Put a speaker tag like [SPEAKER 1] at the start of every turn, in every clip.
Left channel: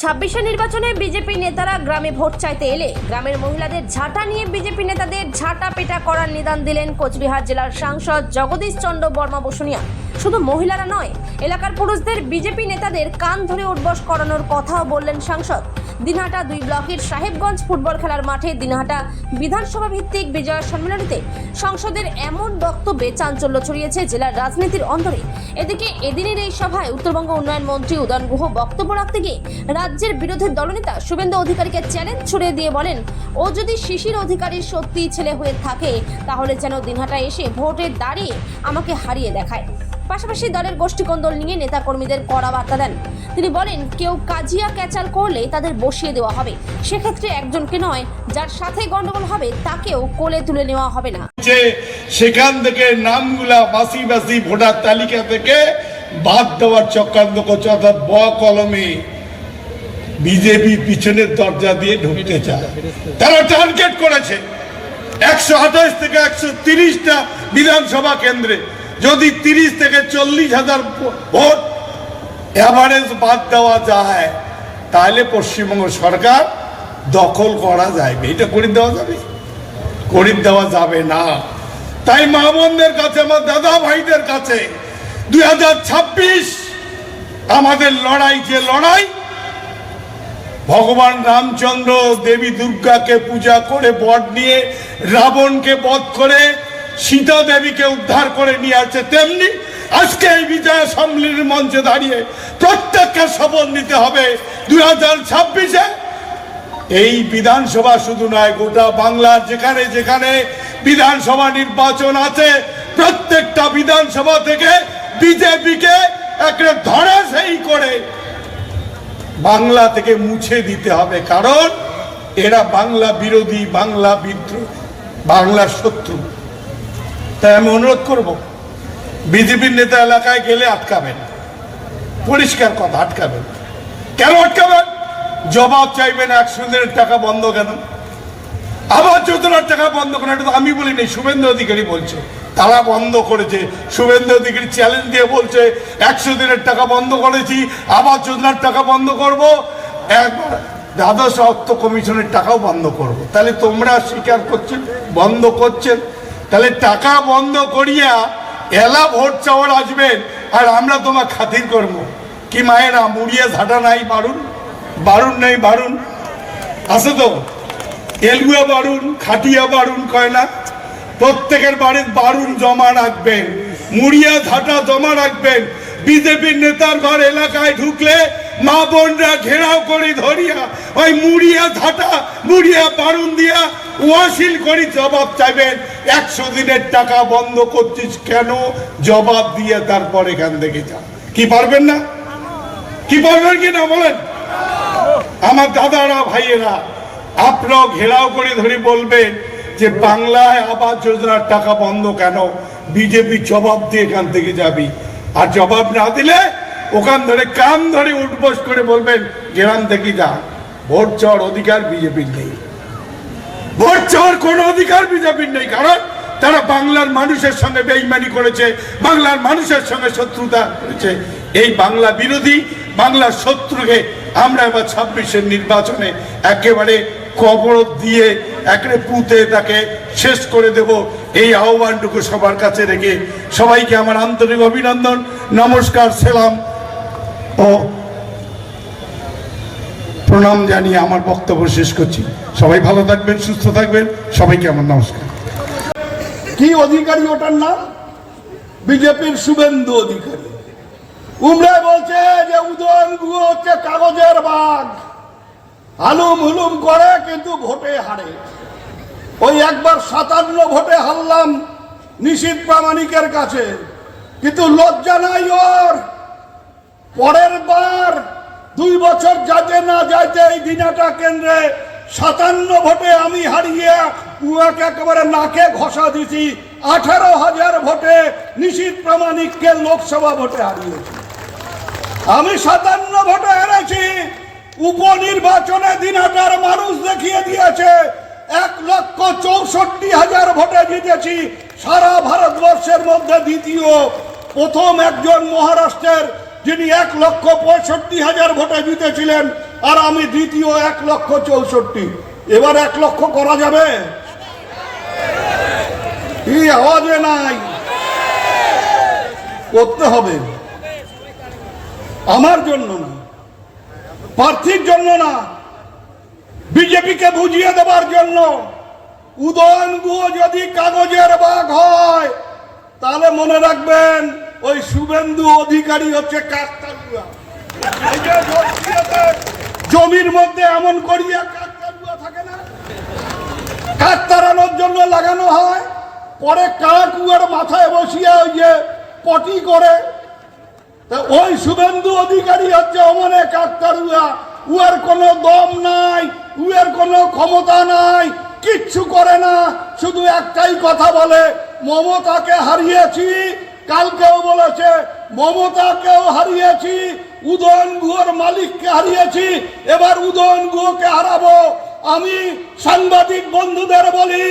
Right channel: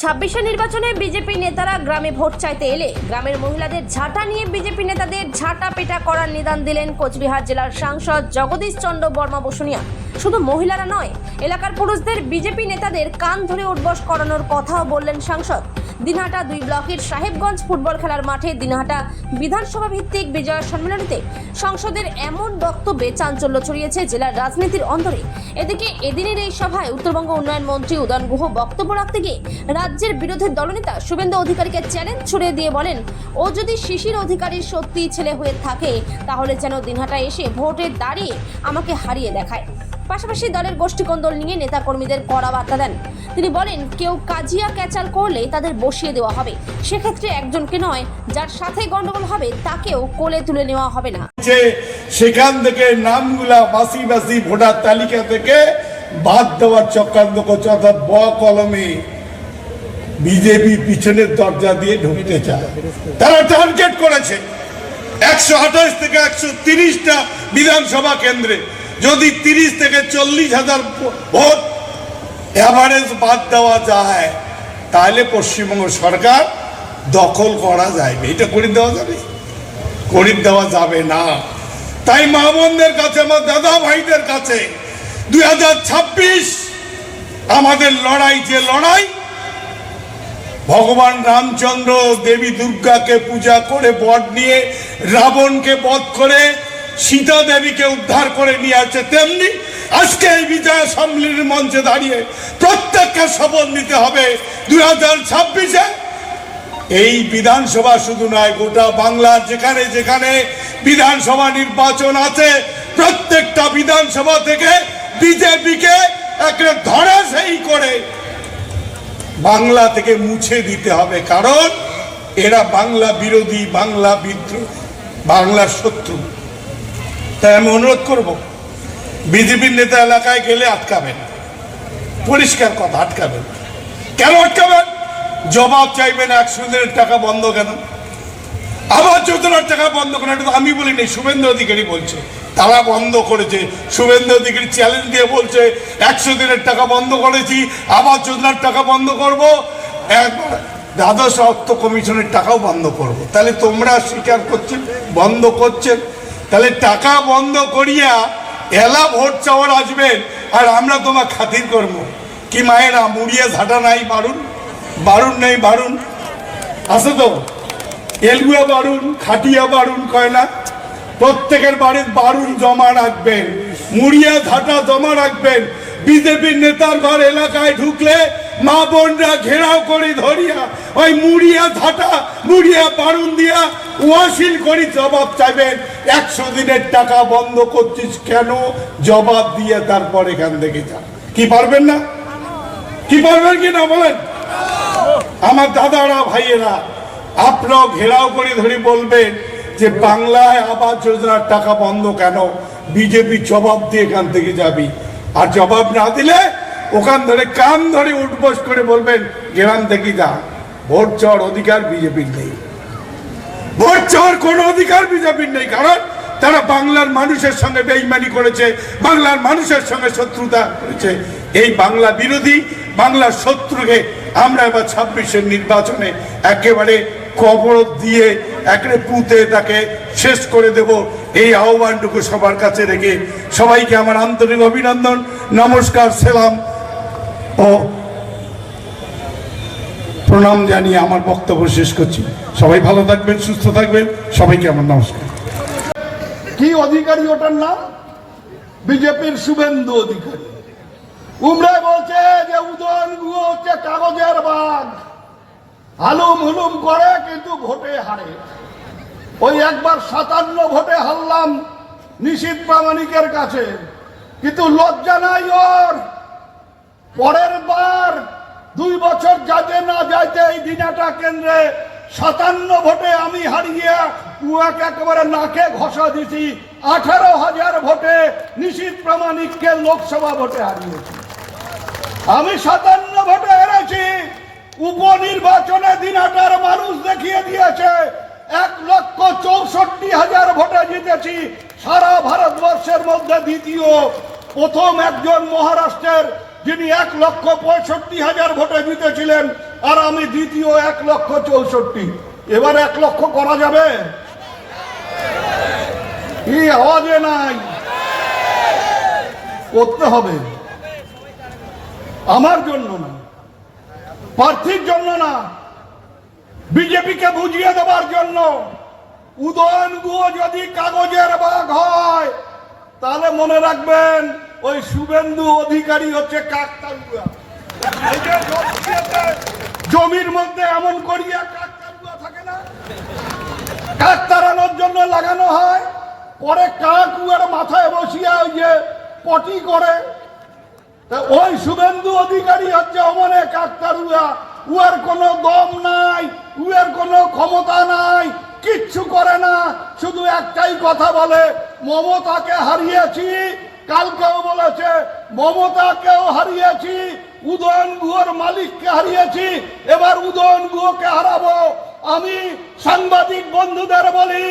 [SPEAKER 1] ছাব্বিশে নির্বাচনে বিজেপি নেতারা গ্রামে ভোট চাইতে এলে গ্রামের মহিলাদের ঝাঁটা নিয়ে বিজেপি নেতাদের ঝাঁটা পেটা করার নিদান দিলেন কোচবিহার জেলার সাংসদ জগদীশ চন্দ্র বর্মা বসুনিয়া। শুধু মহিলারা নয়, এলাকার পুরুষদের বিজেপি নেতাদের কান ধরে উঠবস করানোর কথাও বললেন সাংসদ। দিনহাটা দুই ব্লকের সাহেবগঞ্জ ফুটবল খেলার মাঠে দিনহাটা বিধানসভা ভিত্তিক বিজয় সম্মেলনীতে সংসদের এমন বক্তব্যে চাঞ্চল্য ছড়িয়েছে জেলার রাজনীতির অন্তরে এদিকে এদিনের এই সভায় উত্তরবঙ্গ উন্নয়ন মন্ত্রী উদয়ন গুহ বক্তব্য রাখতে গিয়ে রাজ্যের বিরোধী দলনেতা শুভেন্দু অধিকারীকে চ্যালেঞ্জ ছুড়ে দিয়ে বলেন, ও যদি শিশির অধিকারীর সত্যি ছেলে হয়ে থাকে, তাহলে যেন দিনহাটা এসে ভোটে দাঁড়িয়ে আমাকে হারিয়ে দেখায়। পাশাপাশি দলের গোষ্ঠীকন্দল নিয়ে নেতাকর্মীদের কড়া বার্তা দেন। তিনি বলেন, কেউ কাজিয়া ক্যাচাল করলে তাদের বসিয়ে দেওয়া হবে। সেক্ষেত্রে একজনকে নয়, যার সাথে গন্ডগোল হবে তাকেও কোলে তুলে নেওয়া হবে না।
[SPEAKER 2] সেখান থেকে নামগুলা বাসি বাসি ভোটার তালিকা থেকে বাদ দেওয়ার চক্রান্ত করছে, অর্থাৎ ব কলমে বিজেপি পিছনের দরজা দিয়ে ঢুকতে চায়। তারা টার্গেট করেছে। একশো আঠাশ থেকে একশো তিরিশটা বিধানসভা কেন্দ্রে। যদি তিরিশ থেকে চল্লিশ হাজার ভোট অ্যাভারেজ বাদ দেওয়া যায়, তাহলে পশ্চিমবঙ্গ সরকার দখল করা যাবে এটা করে দেওয়া যাবে? করে দেওয়া যাবে না। তাই মা বোনদের কাছে, আমার দাদা ভাইদের কাছে দুই হাজার ছাব্বিশ আমাদের লড়াই যে লড়াই ভগবান রামচন্দ্র দেবী দুর্গাকে পূজা করে বট নিয়ে, রাবণকে বধ করে, সীতা দেবীকে উদ্ধার করে নিয়ে আসছে তেমনি আজকে এই বিজয় সম্মেলনের মঞ্চে দাঁড়িয়ে প্রত্যেককে শপথ নিতে হবে দুই হাজার ছাব্বিশে। এই বিধানসভা শুধু নয়, গোটা বাংলার যেখানে যেখানে বিধানসভা নির্বাচন আছে, প্রত্যেকটা বিধানসভা থেকে বিজেপিকে একটা ধরে সেই করে বাংলা থেকে মুছে দিতে হবে, কারণ এরা বাংলা বিরোধী, বাংলা বিদ্রোহ বাংলার শত্রু। তাই আমি অনুরোধ করব, বিজেপির নেতা এলাকায় গেলে আটকাবেন পরিষ্কার কথা, আটকাবেন। কেন আটকাবেন? জবাব চাইবেন, একশো দিনের টাকা বন্ধ কেন? আবার যোজনার টাকা বন্ধ কেন এটা আমি বলিনি শুভেন্দু অধিকারী বলছে। তারা বন্ধ করেছে। শুভেন্দু অধিকারী চ্যালেঞ্জ দিয়ে বলছে, একশো দিনের টাকা বন্ধ করেছি, আবার যোজনার টাকা বন্ধ করব। একবার দ্বাদশ অর্থ কমিশনের টাকাও বন্ধ করব। তাহলে তোমরা স্বীকার করছেন, বন্ধ করছেন। তাহলে টাকা বন্ধ করিয়া এলা ভোট চাওয়ার আসবেন আর আমরা তোমার খাতির করব। কি মায়েরা, মুড়িয়ে ঝাঁটা নাই, বারুন? বারুন নেই, বারুন? আছে তো? এলগুয়া বারুন, খাটিয়া বারুন কয় না? প্রত্যেকের বাড়ির বারুন জমা রাখবেন, মুড়িয়া ঝাঁটা জমা রাখবেন। বিজেপির নেতার ঘর এলাকায় ঢুকলে মা বোনরা ঘেরাও করে ধরিয়া ওই মুড়িয়া ঝাঁটা মুড়িয়া বারুন দিয়া ওয়াসিল করি জবাব চাইবেন। একশো দিনের টাকা বন্ধ করছিস কেন? জবাব দিয়ে তারপর এখান থেকে যা। কি পারবেন না? কি পারবেন কি না বলেন? আমার দাদারা, ভাইয়েরা আপনারাও ঘেরাও করে ধরে বলবেন যে বাংলায় আবাস যোজনার টাকা বন্ধ কেন? বিজেপি জবাব দিয়ে এখান থেকে যাবি। আর জবাব না দিলে ওখান ধরে কান ধরে উঠবস করে বলবেন, গ্রাম থেকে যা। ভোট চাওয়ার অধিকার বিজেপির নেই। ভোট চাওয়ার কোনো অধিকার বিজেপির নেই, কারণ তারা বাংলার মানুষের সঙ্গে বেইমানি করেছে, বাংলার মানুষের সঙ্গে শত্রুতা করেছে। এই বাংলা বিরোধী, বাংলার শত্রুকে আমরা এবার ছাব্বিশের নির্বাচনে একেবারে কবর দিয়ে একেবারে পুঁতে তাকে শেষ করে দেব। এই আহ্বানটুকু সবার কাছে রেখে সবাইকে আমার আন্তরিক অভিনন্দন, নমস্কার, সেলাম ও প্রণাম জানিয়ে আমার বক্তব্য শেষ করছি। সবাই ভালো থাকবেন, সুস্থ থাকবেন, সবাইকে আমার নমস্কার।
[SPEAKER 3] কি অধিকারী ওটার নাম? বিজেপির শুভেন্দু অধিকারী। উমরায় বলছে যে উদয়ন হচ্ছে কাগজের বাঘ হালুম হুলুম করে, কিন্তু ভোটে হারে। ওই একবার সাতান্ন ভোটে হারলাম নিশীত প্রামাণিকের কাছে। কিন্তু লজ্জা নাই ওর। পরের বার দুই বছর যাতে না যাইতে এই দিনাটা কেন্দ্রে সাতান্ন ভোটে আমি হারিয়ে উহাকে একেবারে নাকে ঘষা দিছি। আঠারো হাজার ভোটে নিশীত প্রামাণিককে লোকসভা ভোটে হারিয়েছি। আমি সাতান্ন ভোটে হেরেছি। উপনির্বাচনে দিনাটার মানুষ দেখিয়ে দিয়েছে, এক লক্ষ চৌষট্টি হাজার ভোটে জিতেছি সারা ভারতবর্ষের মধ্যে দ্বিতীয় প্রথম একজন মহারাষ্ট্রের, যিনি এক লক্ষ পঁয়ষট্টি হাজার ভোটে জিতেছিলেন,
[SPEAKER 2] আর আমি দ্বিতীয় এক লক্ষ চৌষট্টি। এবার এক লক্ষ করা যাবে? কি আওয়াজে নাই? করতে হবে। আমার জন্য না। প্রার্থীর জন্য না, বিজেপিকে বুঝিয়ে দেবার জন্য। উদয়ন গুহ যদি কাগজের বাঘ হয়, তাহলে মনে রাখবেন ওই শুভেন্দু অধিকারী হচ্ছে জমির মধ্যে এমন করিয়ে থাকে না, কাক তাড়ানোর জন্য লাগানো হয়, পরে কাক উয়ার মাথায় বসিয়ে ওই যে পটি করে ওই শুভেন্দু অধিকারী হচ্ছে অমনে কাকতারুয়া উয়ার কোনো দম নাই উয়ার কোনো ক্ষমতা নাই, কিচ্ছু করে না। শুধু একটাই কথা বলে, মমতাকে হারিয়েছি, কালকেও বলেছে, মমতাকেও হারিয়েছি, উদয়ন গুহর মালিককে হারিয়েছি, এবার উদয়ন গুহকে হারাবো। আমি সাংবাদিক বন্ধুদের বলি,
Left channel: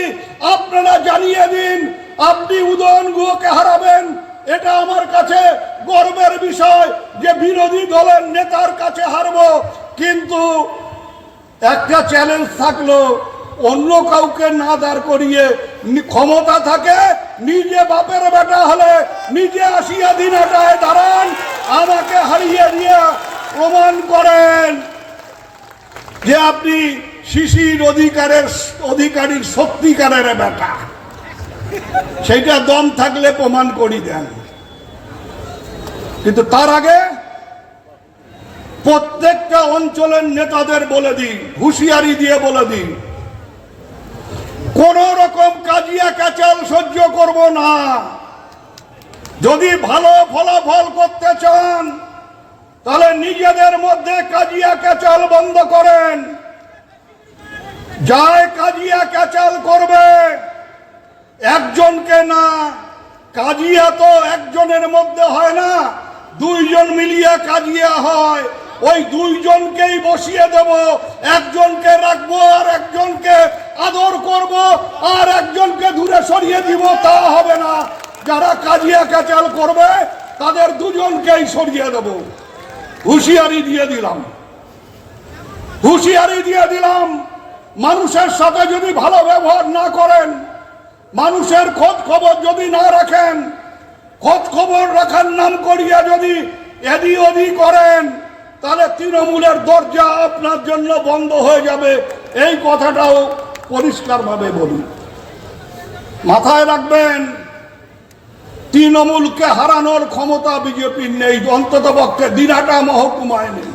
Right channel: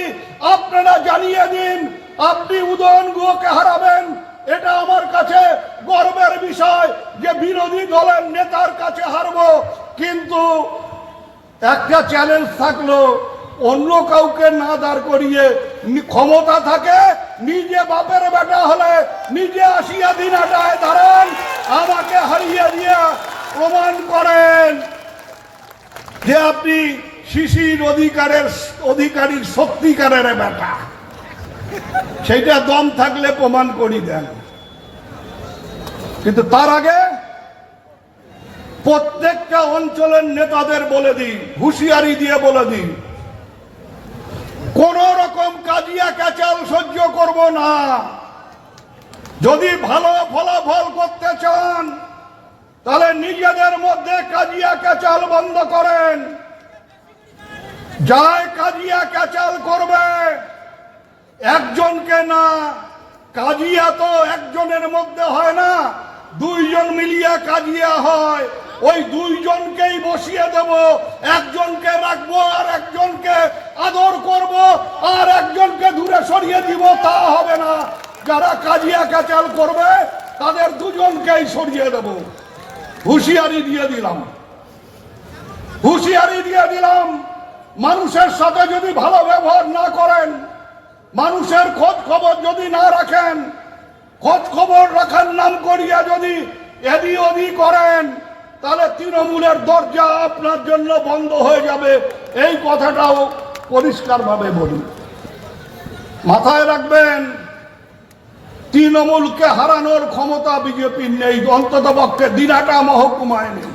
[SPEAKER 2] আপনারা জানিয়ে দিন, আপনি উদয়ন গুহকে হারাবেন এটা আমার কাছে গর্বের বিষয় যে বিরোধী দলের নেতার কাছে হারবো, কিন্তু একটা চ্যালেঞ্জ থাকল, অন্য কাউকে না দাঁড় করিয়ে ক্ষমতা থাকে, নিজে বাপের বেটা হলে নিজে আসিয়া দিন দিনাটায় দাঁড়ান, আমাকে হারিয়ে দিয়ে প্রমাণ করেন যে আপনি শিশির অধিকারের অধিকারীর সত্যিকারের বেটা। সেইটা দম থাকলে প্রমাণ করি দেন। কিন্তু তার আগে প্রত্যেকটা অঞ্চলের নেতাদের বলে দিন হুঁশিয়ারি দিয়ে বলে দিন কোন রকম কাজিয়া কাচাল সহ্য করব না। যদি ভালো ফলাফল করতে চান, তাহলে নিজেদের মধ্যে কাজিয়া কাচাল বন্ধ করেন। যায় কাজিয়া কাচাল করবে, একজনকে না, কাজিয়া তো একজনের মধ্যে হয় না। দুইজন মিলিয়ে কাজিয়া হয়। ওই দুইজনকেই বসিয়ে দেব। একজনকে রাখব আর একজনকে আদর করব। আর একজনকে দূরে সরিয়ে দিব, তা হবে না। যারা কাজিয়া কাচাল করবে, তাদের দুজনকেই সরিয়ে দেব। হুঁশিয়ারি দিয়ে দিলাম। হুঁশিয়ারি দিয়ে দিলাম। মানুষের সাথে যদি ভালো ব্যবহার না করেন, মানুষের খোঁজ খবর যদি না রাখেন খোঁজ খবর রাখার নাম করিয়া যদি এদি ওদি করেন, তাহলে তৃণমূলের দরজা আপনার জন্য বন্ধ হয়ে যাবে। এই কথাটাও পরিষ্কারভাবে বলি। মাথায় রাখবেন, তৃণমূলকে হারানোর ক্ষমতা বিজেপির নেই অন্তত পক্ষে দিনাটা মহকুমায় নেই।